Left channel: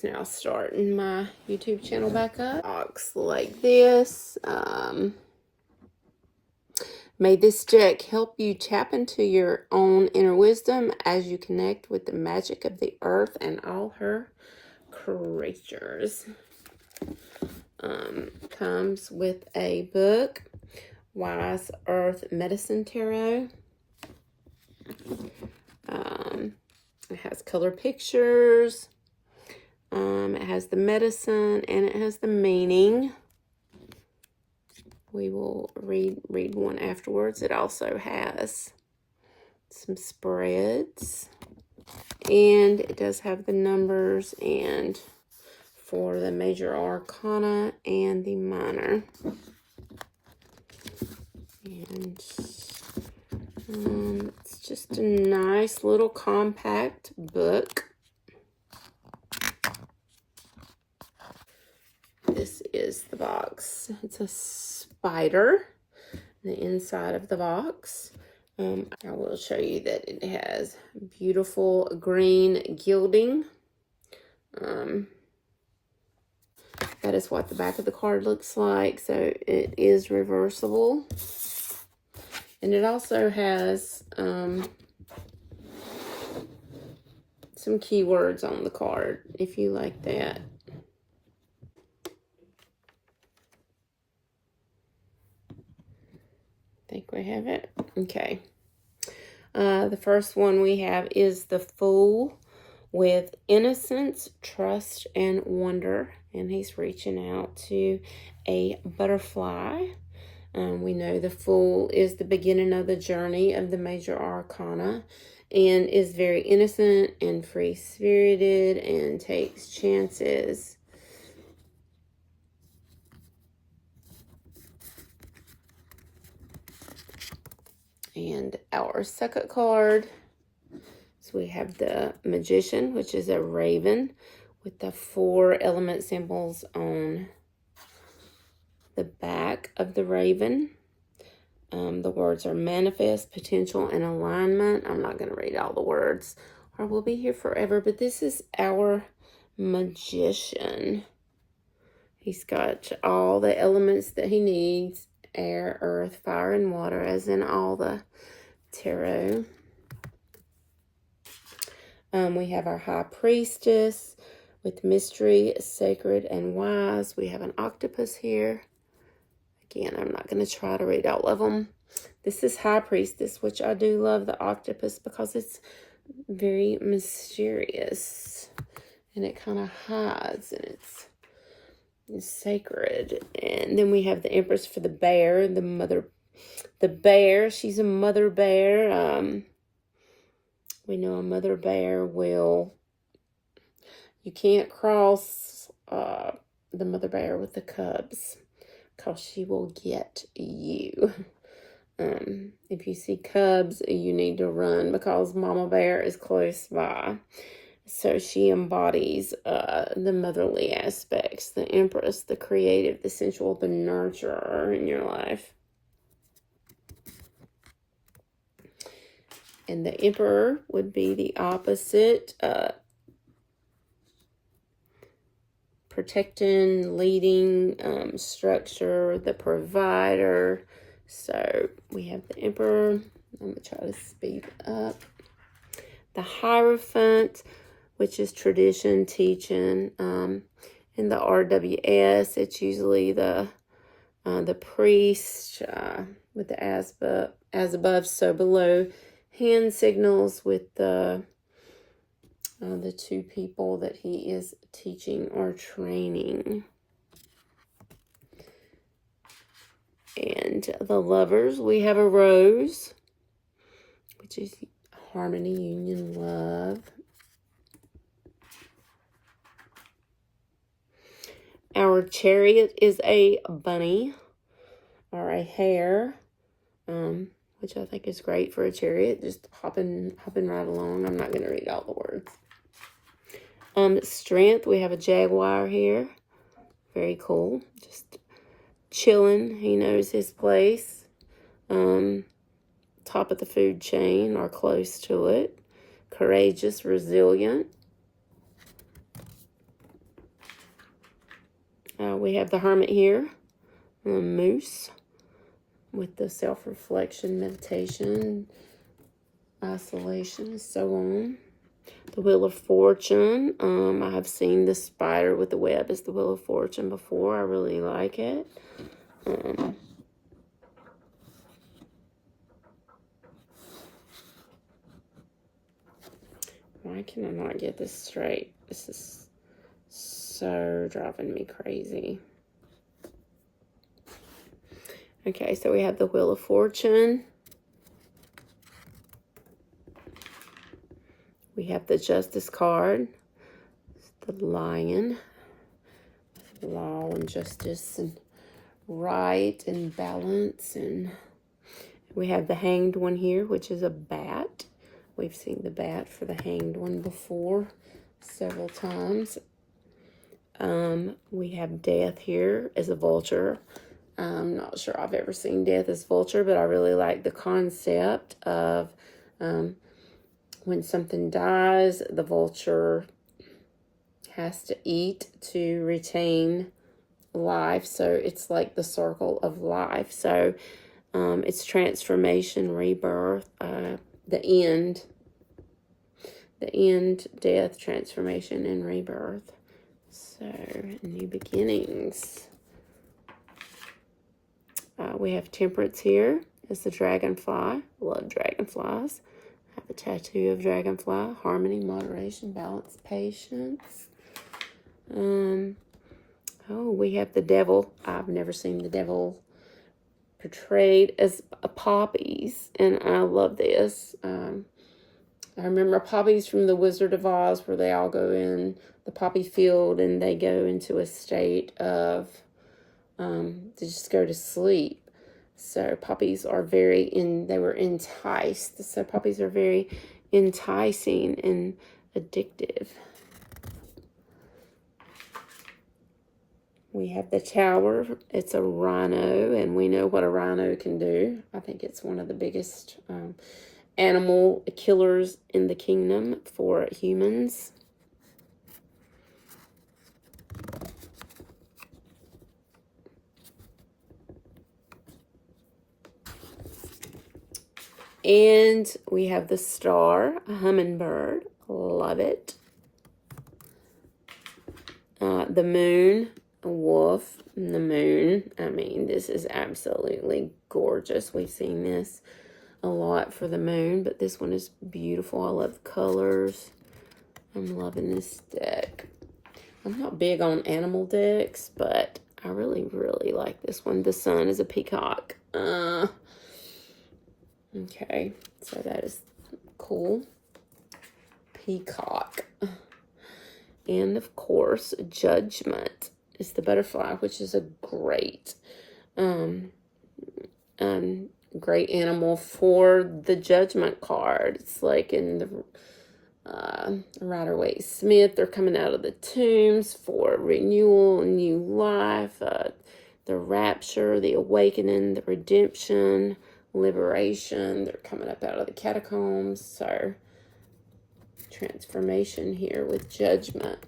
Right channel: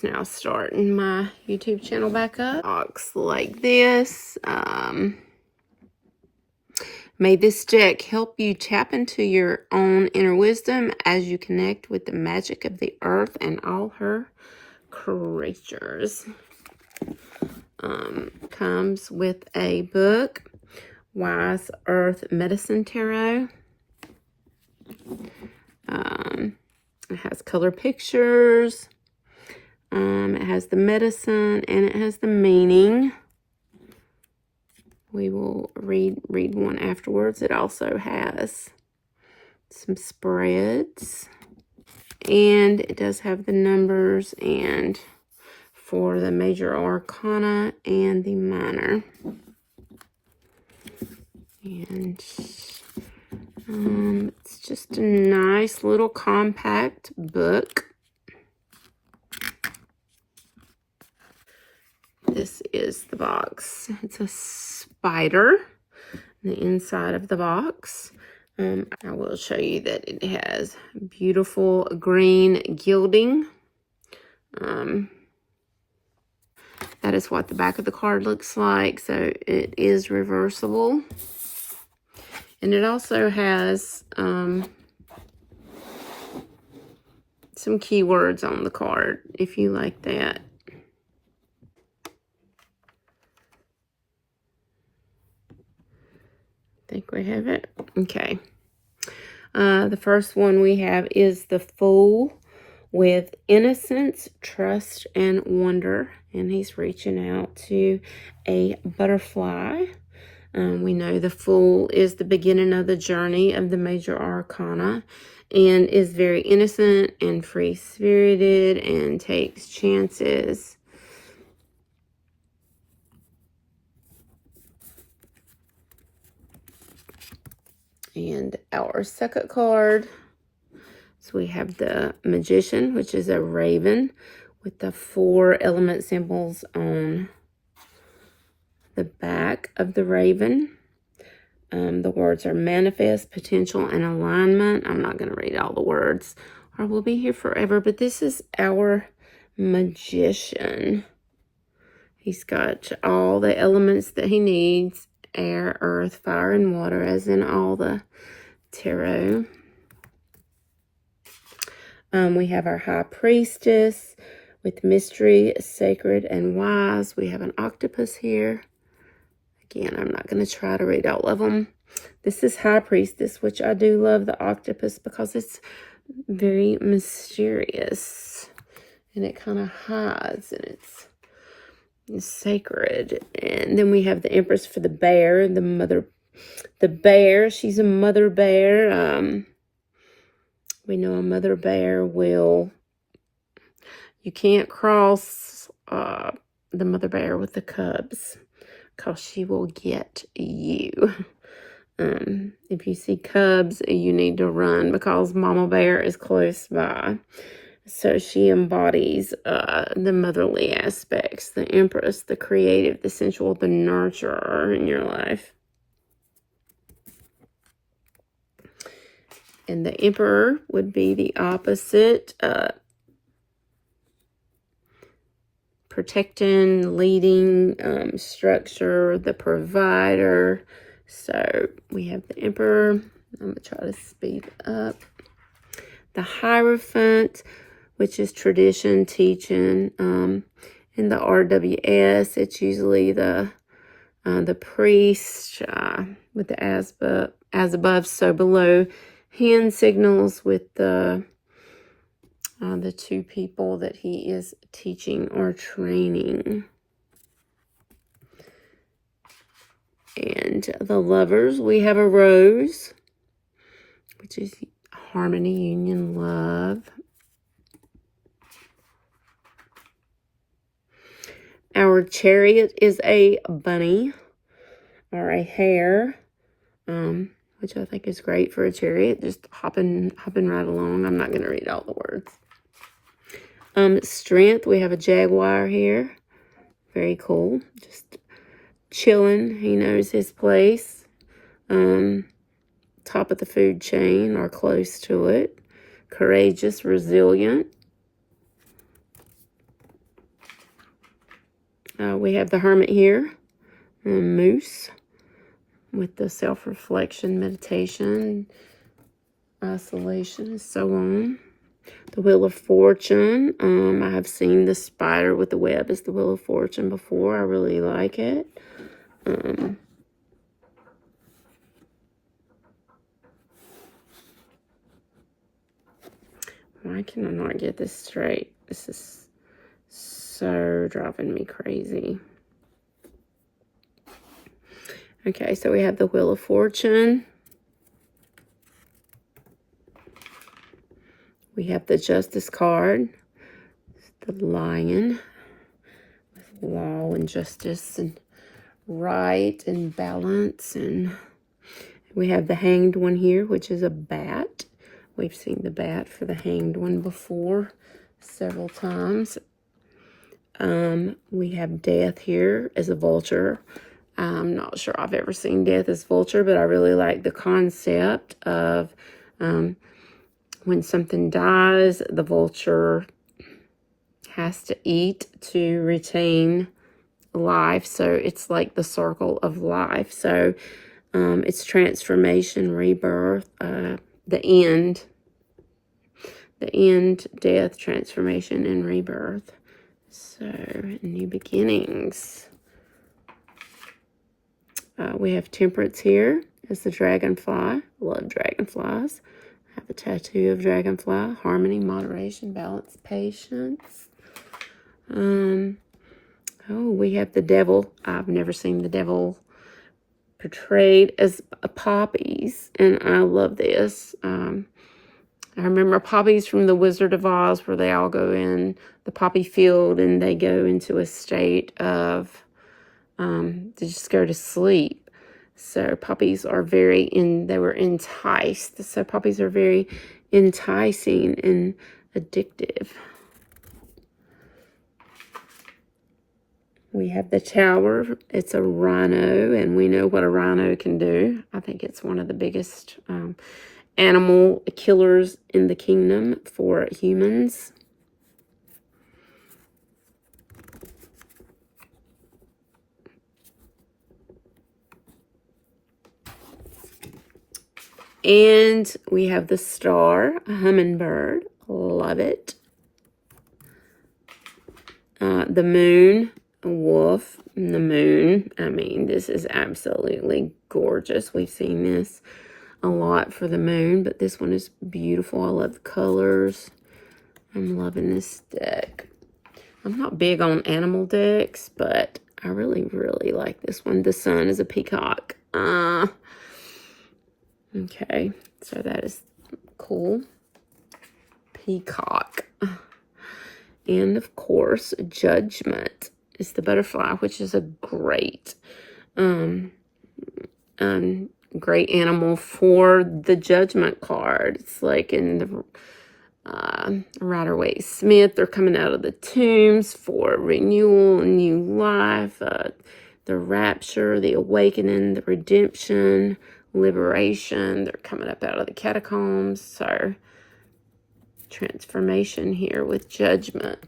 just now starting my YouTube channel back up. Box like this. May this deck help you tap into your own inner wisdom as you connect with the magic of the earth and all her creatures. Comes with a book, Wise Earth Medicine Tarot. It has color pictures. It has the medicine and it has the meaning. We will read one afterwards. It also has some spreads. And it does have the numbers and for the major arcana and the minor. And it's just a nice little compact book. This is the box. It's a spider, the inside of the box. I will show you that it has beautiful green gilding. That is what the back of the card looks like. So it is reversible. And it also has some keywords on the card, if you like that. I think we have it. Okay. The first one we have is the Fool with innocence, trust, and wonder. And he's reaching out to a butterfly. We know the Fool is the beginning of the journey of the major arcana and is very innocent and free-spirited and takes chances. And our second card, so we have the Magician, which is a raven with the 4 element symbols on the back of the raven. The words are manifest, potential, and alignment. I'm not going to read all the words or we'll be here forever, but this is our Magician. He's got all the elements that he needs: air, earth, fire, and water, as in all the tarot. We have our High Priestess with mystery, sacred, and wise. We have an octopus here. Again, I'm not going to try to read all of them. This is High Priestess, which I do love the octopus because it's very mysterious. And it kind of hides, and it's sacred. And then we have the Empress for the bear, the bear. She's a mother bear. We know a mother bear will, you can't cross the mother bear with the cubs because she will get you. If you see cubs, you need to run because mama bear is close by. So she embodies the motherly aspects, the Empress, the creative, the sensual, the nurturer in your life. And the Emperor would be the opposite, protecting, leading, structure, the provider. So we have the Emperor. I'm going to try to speed up. The Hierophant, which is tradition, teaching. In the RWS, it's usually the priest with the as above, so below. Hand signals with the 2 people that he is teaching or training. And the Lovers, we have a Rose, which is harmony, union, love. Our Chariot is a bunny or a hare, which I think is great for a chariot, just hopping right along. I'm not going to read all the words. Strength, we have a jaguar here. Very cool. Just chilling. He knows his place. Top of the food chain or close to it. Courageous, resilient. We have the Hermit here, Moose, with the self-reflection, meditation, isolation, and so on. The Wheel of Fortune. I have seen the spider with the web as the Wheel of Fortune before. I really like it. Why can I not get this straight? This is so driving me crazy. Okay, so we have the Wheel of Fortune. We have the Justice card. The Lion. Law and justice and right and balance. And we have the Hanged one here, which is a bat. We've seen the bat for the Hanged one before several times. We have Death here as a vulture. I'm not sure I've ever seen Death as vulture, but I really like the concept of when something dies, the vulture has to eat to retain life. So it's like the circle of life. So it's transformation, rebirth, the end, death, transformation, and rebirth. So new beginnings. We have Temperance here. It's the dragonfly. Love dragonflies. I have a tattoo of dragonfly. Harmony, moderation, balance, patience. Oh, we have the devil. I've never seen the devil portrayed as poppies, and I love this. I remember poppies from the Wizard of Oz, where they all go in the poppy field and they go into a state of they just go to sleep. So poppies are they were enticed. So poppies are very enticing and addictive. We have the Tower. It's a rhino, and we know what a rhino can do. I think it's one of the biggest animal killers in the kingdom for humans. And we have the Star, a hummingbird. Love it. The Moon, a wolf. And the Moon, I mean, this is absolutely gorgeous. We've seen this a lot for the Moon, but this one is beautiful. I love the colors. I'm loving this deck. I'm not big on animal decks, but I really, really like this one. The Sun is a peacock. Okay, so that is cool. Peacock. And of course, Judgment is the butterfly, which is a great great animal for the Judgment card. It's like in the Rider-Waite-Smith, they're coming out of the tombs for renewal, new life, the rapture, the awakening, the redemption, liberation. They're coming up out of the catacombs. So transformation here with Judgment.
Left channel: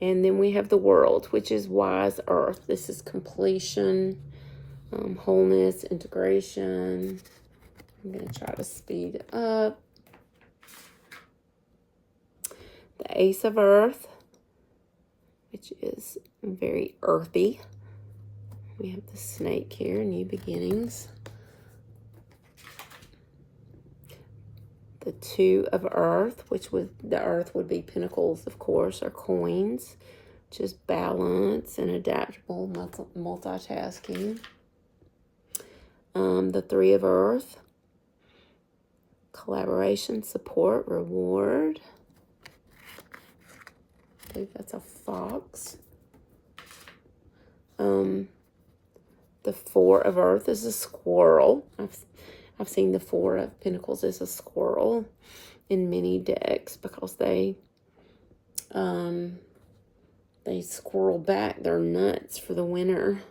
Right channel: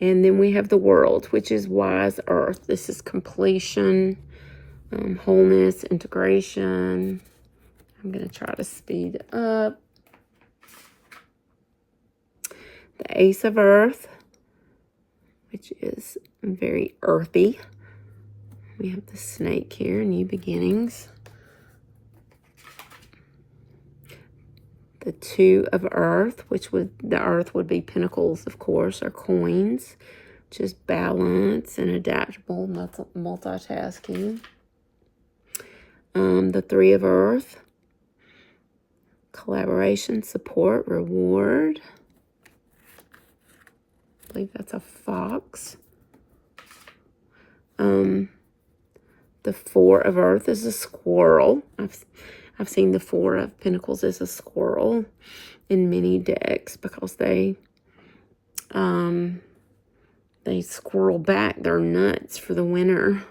And then we have the World, which is Wise Earth. This is completion, wholeness, integration. I'm going to try to speed up. The Ace of Earth, which is very earthy. We have the Snake here, New Beginnings. The Two of Earth, the Earth would be pentacles, of course, or coins, which is balance and adaptable multitasking. The Three of Earth, collaboration, support, reward. I believe that's a fox. The Four of Earth is a squirrel. I've seen the Four of Pentacles as a squirrel in many decks because they squirrel back their nuts for the winter.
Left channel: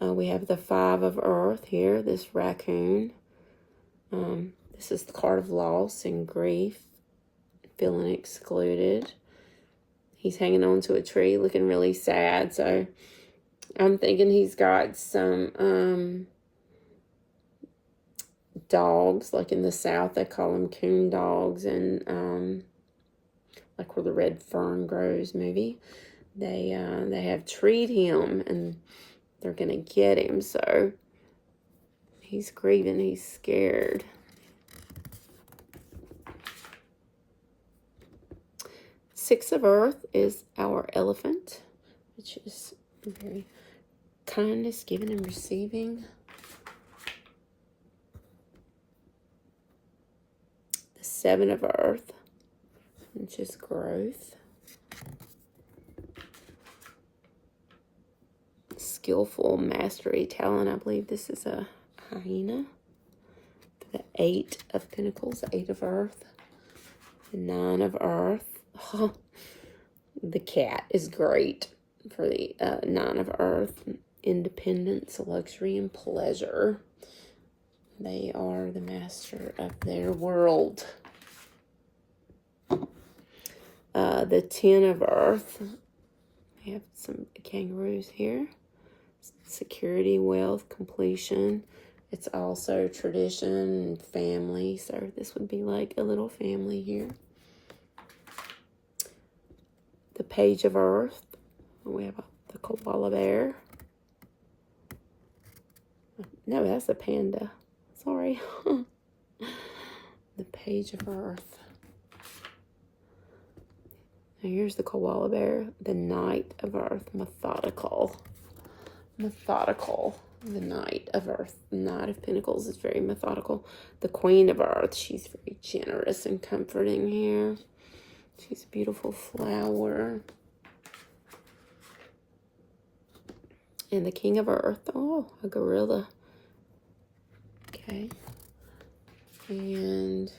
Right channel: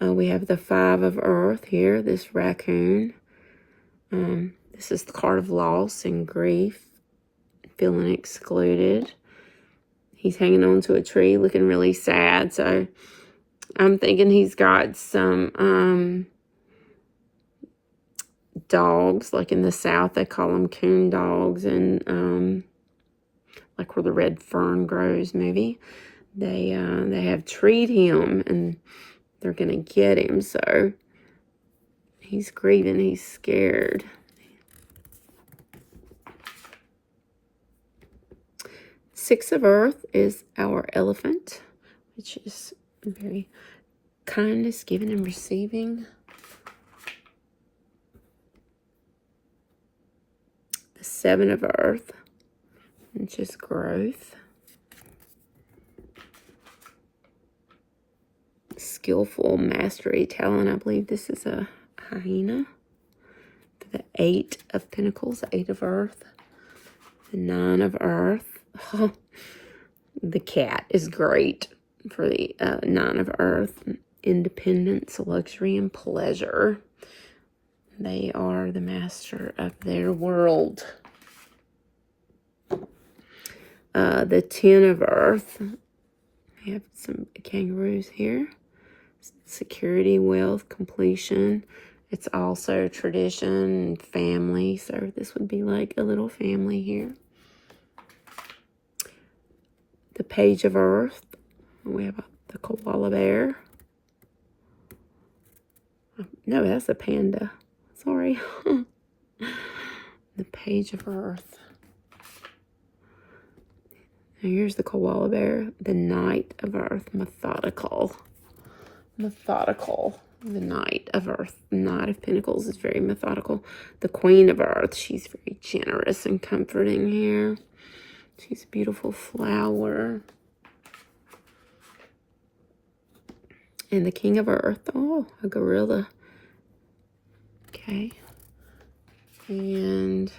We have the Five of Earth here, this raccoon. This is the card of loss and grief, feeling excluded. He's hanging on to a tree, looking really sad. So I'm thinking he's got some dogs, like in the South, they call them coon dogs, and like where the red fern grows, maybe. They have treed him, and they're gonna get him. So he's grieving, he's scared. Six of Earth is our elephant, which is very kindness, giving and receiving. The Seven of Earth, which is growth. Skillful, mastery, talent. I believe this is a hyena. The Eight of Pentacles, Eight of Earth. The Nine of Earth. Oh, the cat is great for the Nine of Earth. Independence, luxury, and pleasure. They are the master of their world. The Ten of Earth. We have some kangaroos here. Security, wealth, completion. It's also tradition and family. So this would be like a little family here. The Page of Earth. We have the koala bear. No, that's a panda. Sorry. The Page of Earth. Now here's the koala bear. The Knight of Earth. Methodical. Methodical. The Knight of Earth. The Knight of Pentacles is very methodical. The Queen of Earth. She's very generous and comforting here. She's a beautiful flower. And the King of Earth. Oh, a gorilla. Okay. And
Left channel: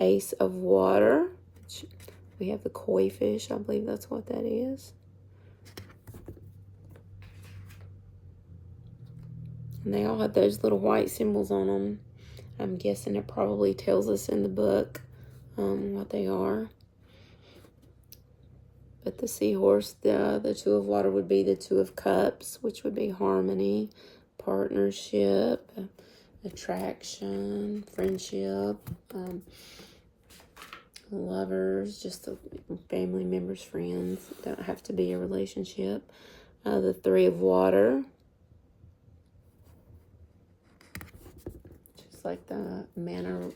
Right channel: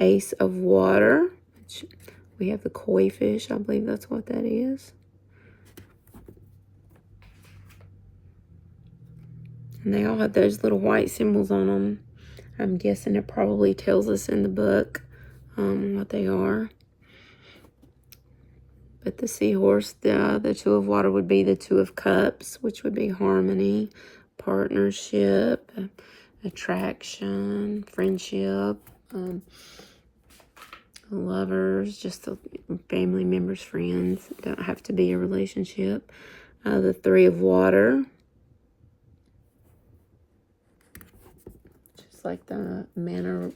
Ace of Water. We have the koi fish. I believe that's what that is. And they all have those little white symbols on them. I'm guessing it probably tells us in the book what they are. But the seahorse, the Two of Water would be the Two of Cups, which would be harmony, partnership, attraction, friendship, lovers, just the family members, friends. Don't have to be a relationship. The Three of Water. Just like the manner,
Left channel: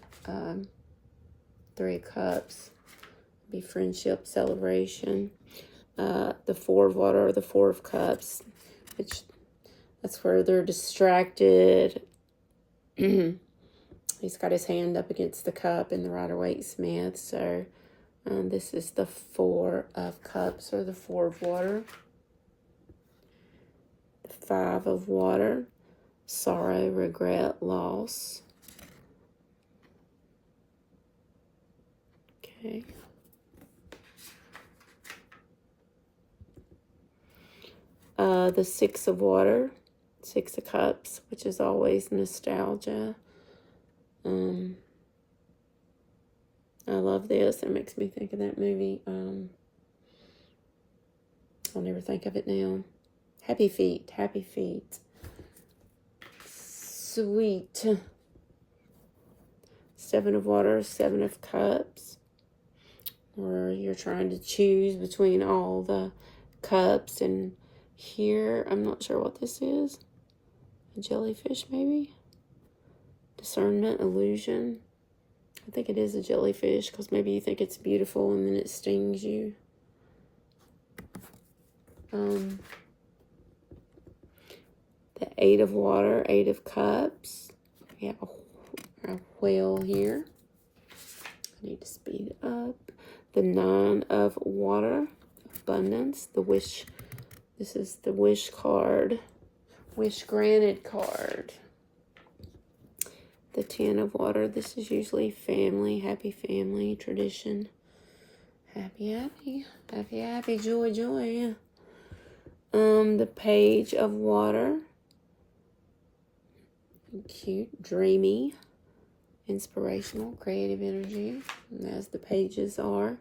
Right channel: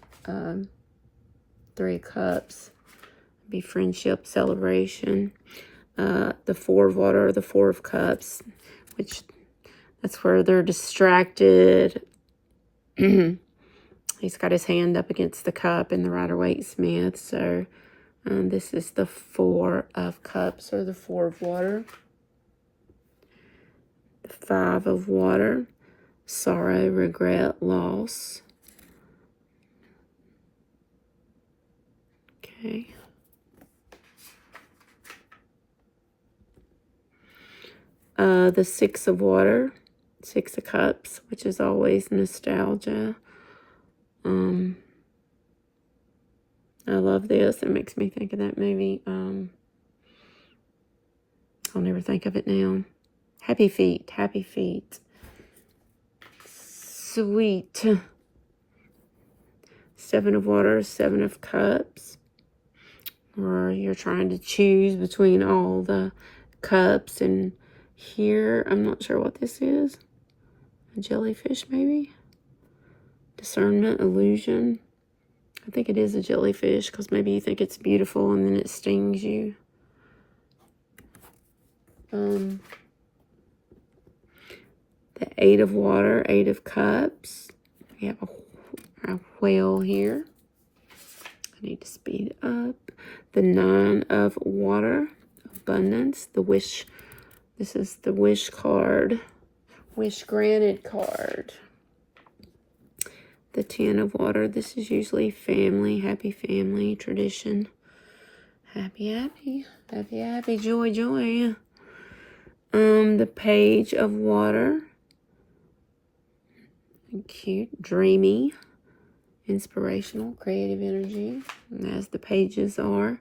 Three of Cups. Be friendship, celebration. The Four of Water, the Four of Cups, which that's where they're distracted. He's got his hand up against the cup in the Rider-Waite Smith. So this is the Four of Cups, or the Four of Water. The Five of Water. Sorrow, regret, loss. Okay. The Six of Water. Six of Cups, which is always nostalgia. I love this. It makes me think of that movie. I'll never think of it now. Happy Feet. Happy Feet. Sweet. Seven of Water, Seven of Cups. Or you're trying to choose between all the cups. And here, I'm not sure what this is. A jellyfish, maybe? Discernment, illusion. I think it is a jellyfish, because maybe you think it's beautiful and then it stings you. The Eight of Water, Eight of Cups. We have a whale here. I need to speed up. The Nine of Water, abundance. The Wish. This is the Wish card. Wish granted card. The Ten of Water. This is usually family, happy family, tradition. Happy, happy, happy, happy, joy, joy. The Page of Water. Cute, dreamy, inspirational, creative energy, as the pages are.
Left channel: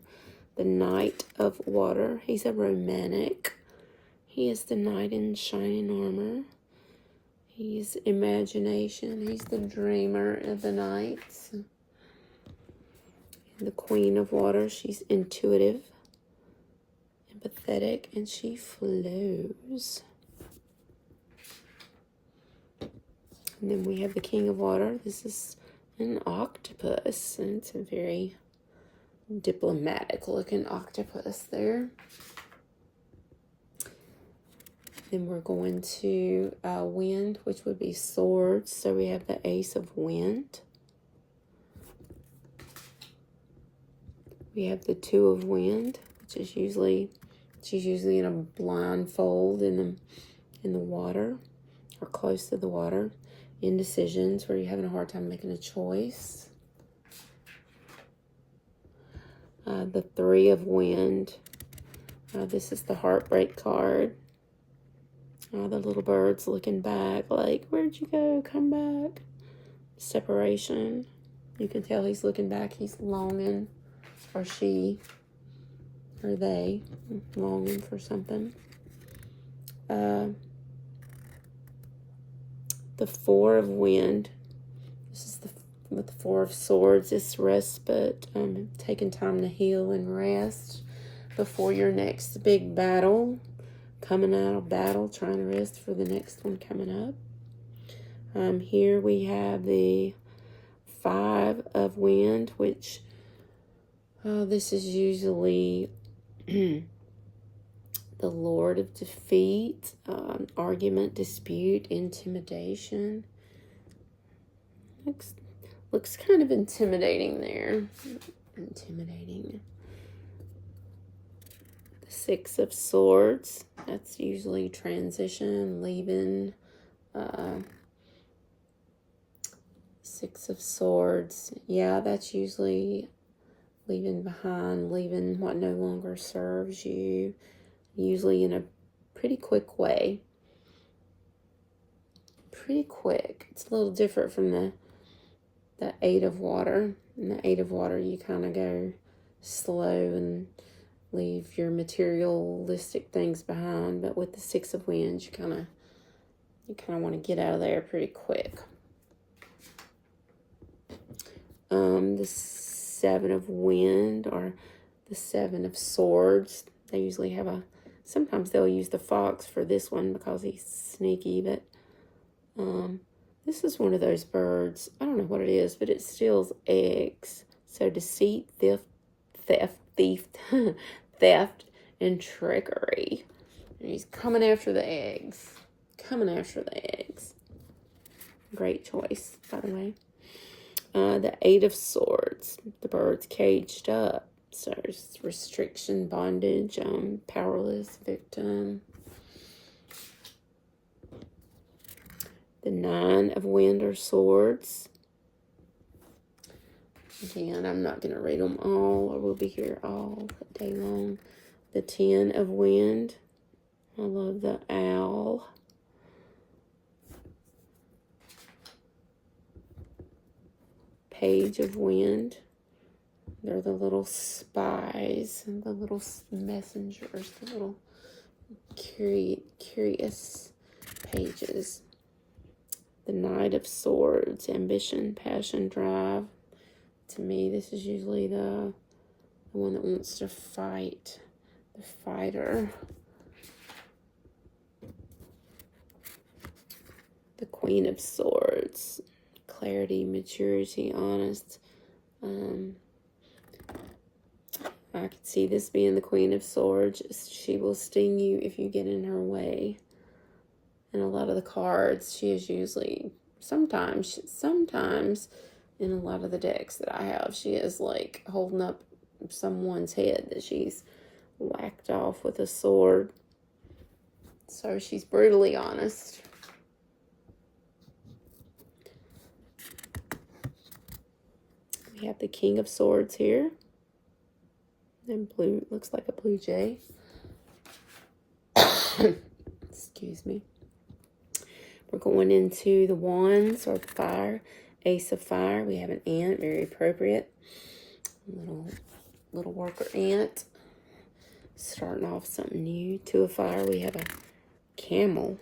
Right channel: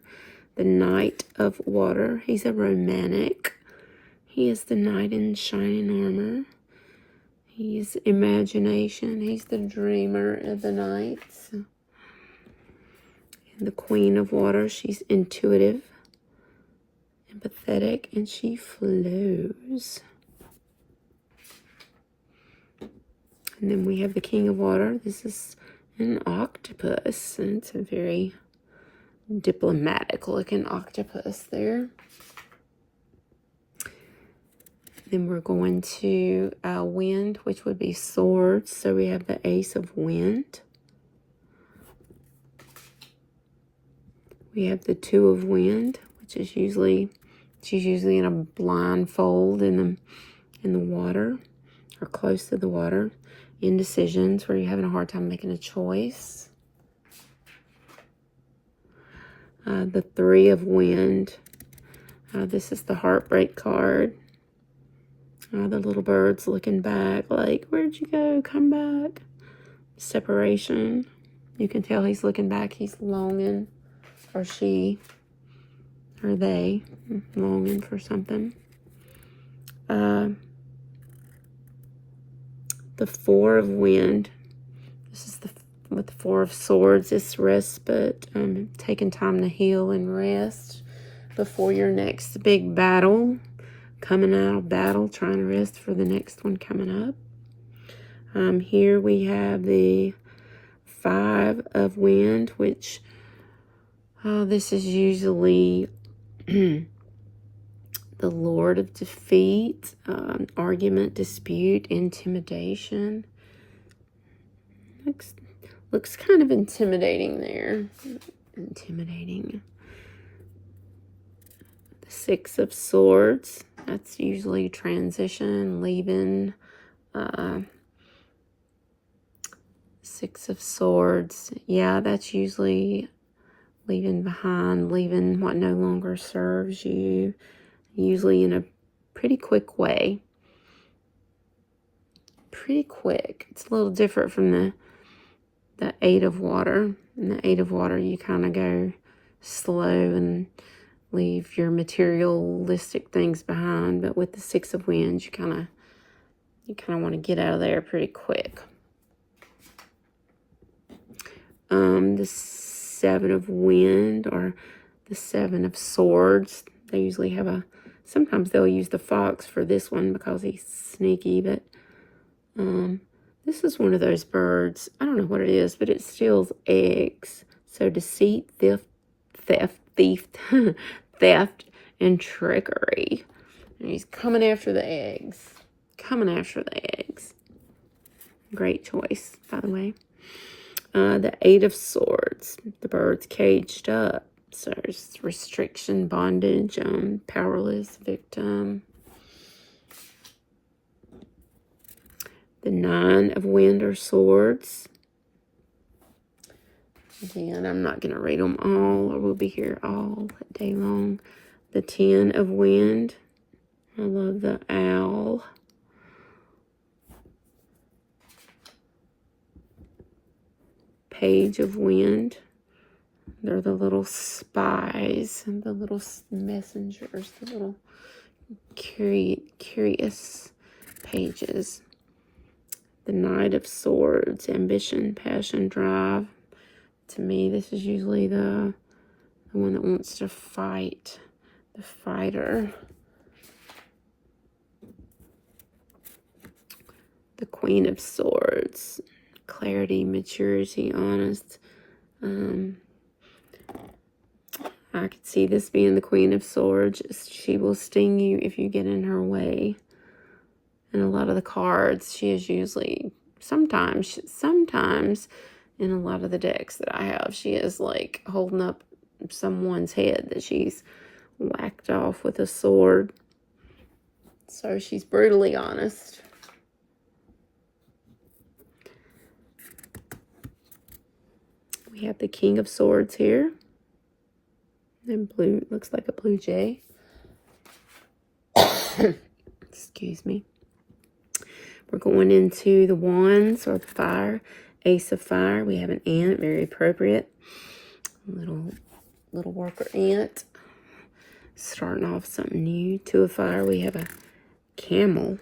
The Knight of Water. He's a romantic. He is the knight in shining armor. He's imagination. He's the dreamer of the nights. And the Queen of Water. She's intuitive, empathetic, and she flows. And then we have the King of Water. This is an octopus. And it's a very diplomatic looking octopus there. Then we're going to wind, which would be swords. So we have the Ace of Wind. We have the Two of Wind, which is usually, she's usually in a blindfold in the water or close to the water. Indecisions, where you're having a hard time making a choice. The Three of Wind. This is the heartbreak card. The little bird's looking back like, where'd you go? Come back. Separation. You can tell he's looking back. He's longing, or she, or they, longing for something. The Four of Wind. This is with the Four of Swords. It's respite, taking time to heal and rest before your next big battle. Coming out of battle, trying to rest for the next one coming up. Here we have the Five of Wind, which this is usually the Lord of Defeat, argument, dispute, intimidation. Looks kind of intimidating there. Intimidating. The Six of Swords. That's usually transition, leaving. Six of Swords. Yeah, that's usually leaving behind, leaving what no longer serves you. Usually in a pretty quick way. Pretty quick. It's a little different from the Eight of Water. In the Eight of Water, you kind of go slow and leave your materialistic things behind. But with the Six of Wands, you kind of want to get out of there pretty quick. The Seven of Wind, or the Seven of Swords. They usually have sometimes they'll use the fox for this one because he's sneaky, but this is one of those birds. I don't know what it is, but it steals eggs. So deceit, theft, and trickery. And he's coming after the eggs. Great choice, by the way. The Eight of Swords. The bird's caged up. So there's restriction, bondage, powerless, victim. The Nine of Wind or Swords. Again, I'm not going to read them all, or we'll be here all day long. The Ten of Wind. I love the owl. Page of Wind. They're the little spies and the little messengers, the little curious pages. The Knight of Swords, ambition, passion, drive. To me, this is usually the one that wants to fight, the fighter. The Queen of Swords, clarity, maturity, honest. I could see this being the Queen of Swords. She will sting you if you get in her way. And a lot of the cards, she is usually, sometimes in a lot of the decks that I have, she is like holding up someone's head that she's whacked off with a sword. So she's brutally honest. We have the King of Swords here. And blue, looks like a blue jay. Excuse me. We're going into the Wands, or the fire. Ace of Fire, we have an ant, very appropriate. Little worker ant. Starting off something new. Two of Fire, we have a camel.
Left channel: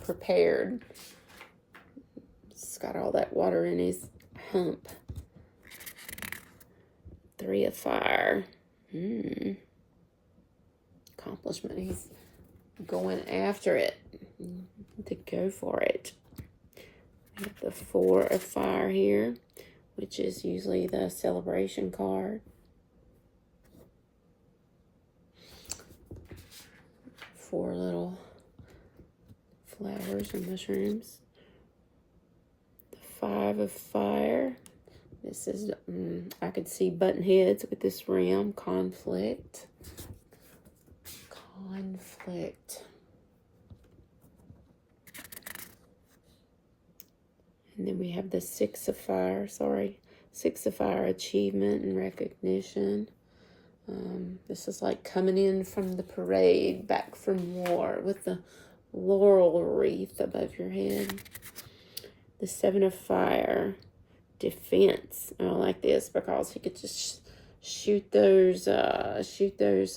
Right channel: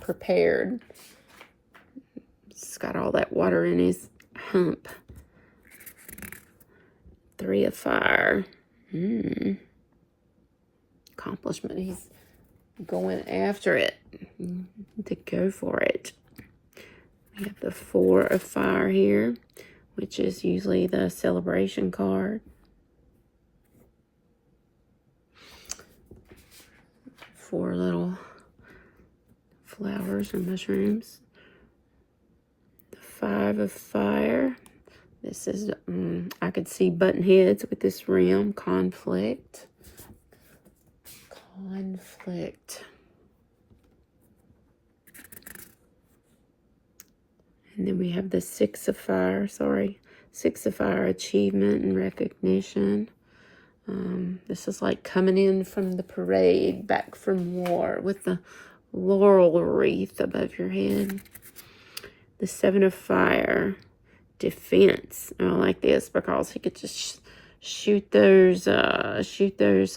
Prepared. He's got all that water in his hump. Three of Fire. Accomplishment. He's going after it. To go for it. We have the Four of Fire here, which is usually the celebration card. Four little flowers or mushrooms. The Five of Fire. This is, I could see button heads with this rim. Conflict. And then we have the Six of Fire, Six of Fire, achievement and recognition. This is like coming in from the parade, back from war, with the laurel wreath above your head. The Seven of Fire, defense. I like this because he could just shoot those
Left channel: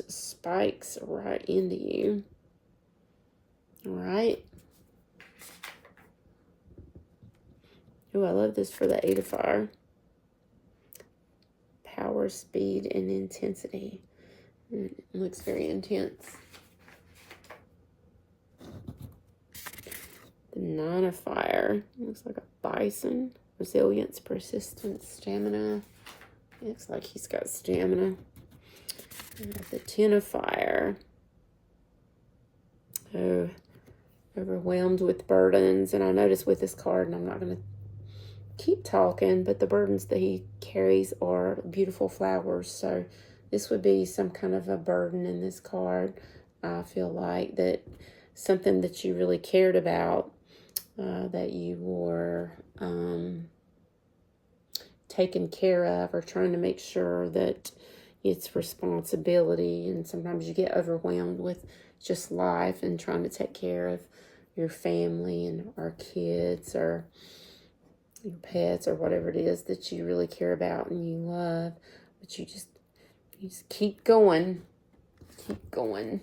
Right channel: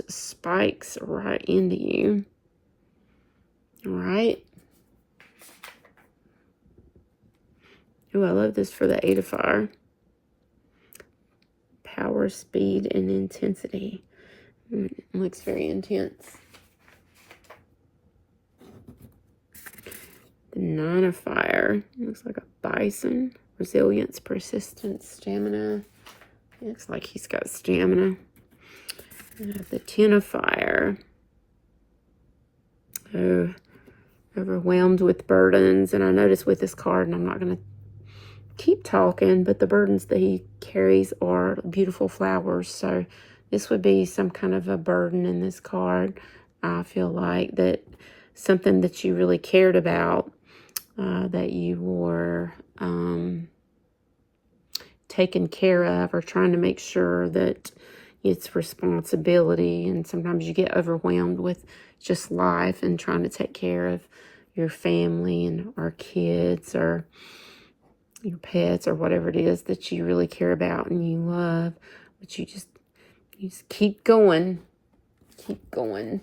spikes right into you. All right. Oh, I love this for the Eight of Fire. Power, speed, and intensity. It looks very intense. The Nine of Fire. Looks like a bison. Resilience, persistence, stamina. Looks like he's got stamina. The Ten of Fire. Oh, overwhelmed with burdens. And I notice with this card, and I'm not going to keep talking, but the burdens that he carries are beautiful flowers. So this would be some kind of a burden in this card. I feel like that something that you really cared about, that you were taken care of, or trying to make sure that it's responsibility. And sometimes you get overwhelmed with just life and trying to take care of your family and our kids or your pets or whatever it is that you really care about and you love, but you just keep going. And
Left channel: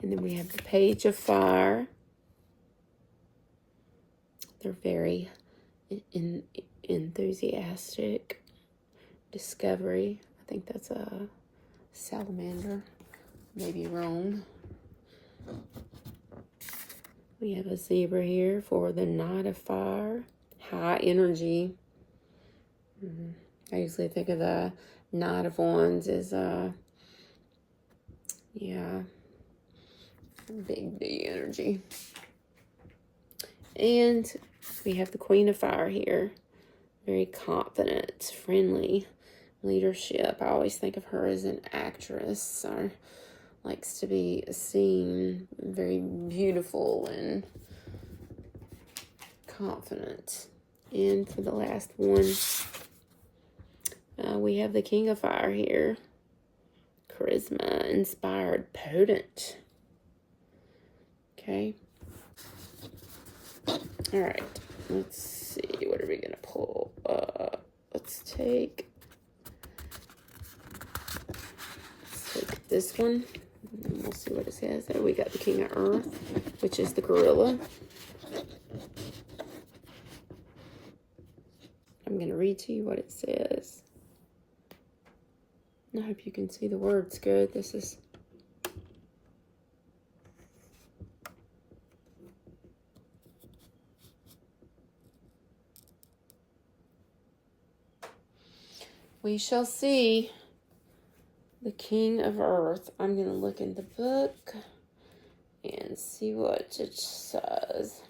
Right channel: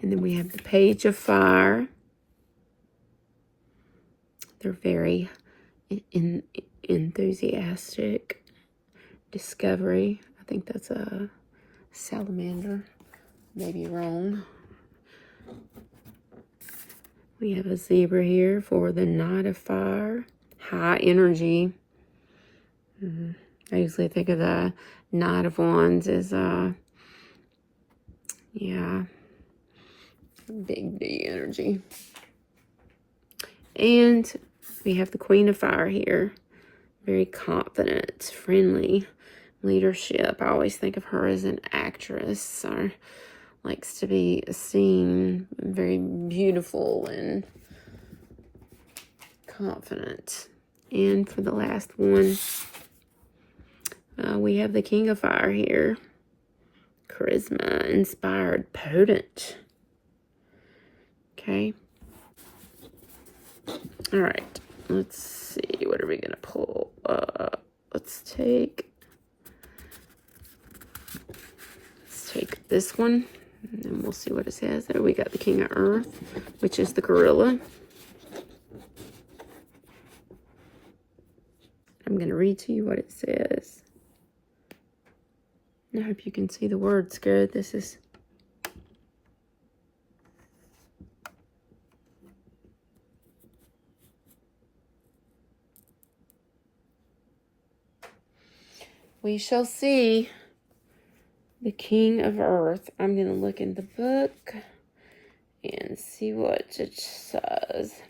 then we have the Page of Fire. They're very enthusiastic. Discovery. I think that's a salamander. Maybe wrong. We have a zebra here for the Knight of Fire. High energy. I usually think of the Knight of Wands as, big energy. And we have the Queen of Fire here. Very confident, friendly, leadership. I always think of her as an actress, or likes to be seen, very beautiful and confident. And for the last one, we have the King of Fire here. Charisma, inspired, potent. Okay. All right. Let's see. What are we going to pull? Let's take this one. And then we'll see what it says. There we got the King of Earth, which is the gorilla. I'm going to read to you what it says. I hope you can see the words good. This is... We shall see. The King of Earth. I'm going to look in the book and see what it says.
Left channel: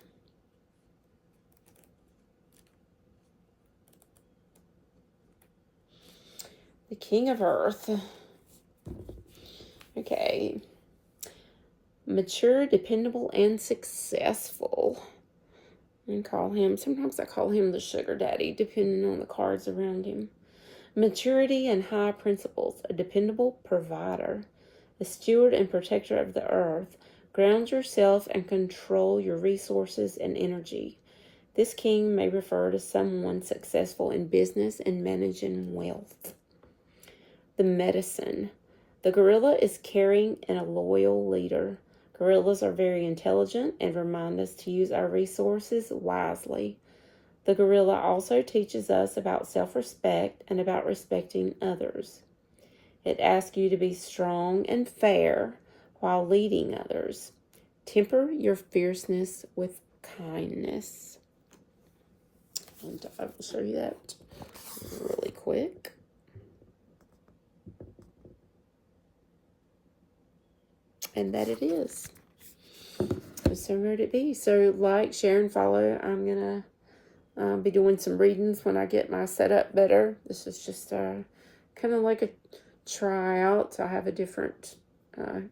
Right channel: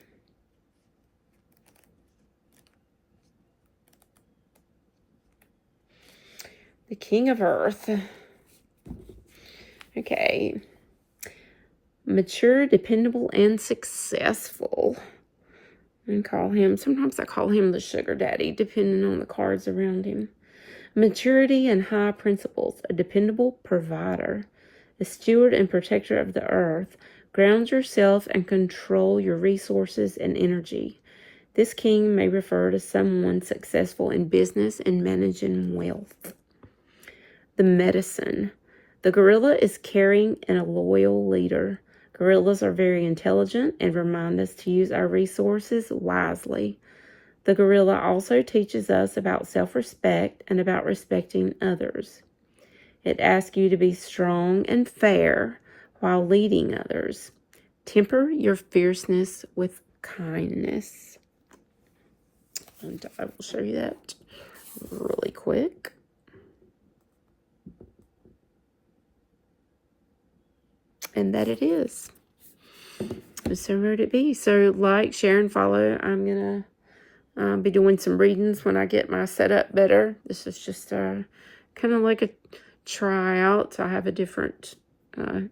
The King of Earth. Okay. Mature, dependable, and successful. And call him, sometimes I call him the sugar daddy, depending on the cards around him. Maturity and high principles, a dependable provider, a steward and protector of the earth, Ground yourself and control your resources and energy. This king may refer to someone successful in business and managing wealth. The medicine. The gorilla is caring and a loyal leader. Gorillas are very intelligent and remind us to use our resources wisely. The gorilla also teaches us about self-respect and about respecting others. It asks you to be strong and fair while leading others. Temper your fierceness with kindness. And I will show you that really quick. And that it is. So where would it be? So like, share, and follow. I'm going to be doing some readings when I get my setup better. This is just kind of like a tryout. I have a different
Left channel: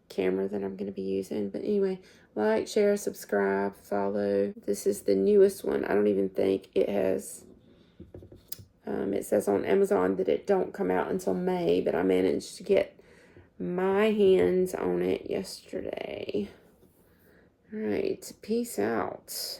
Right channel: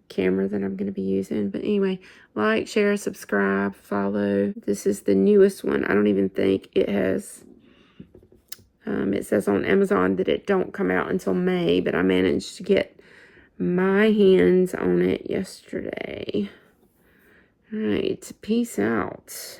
camera that I'm going to be using. But anyway, like, share, subscribe, follow. This is the newest one. I don't even think it has... it says on Amazon that it don't come out until May, but I managed to get my hands on it yesterday. All right, peace out.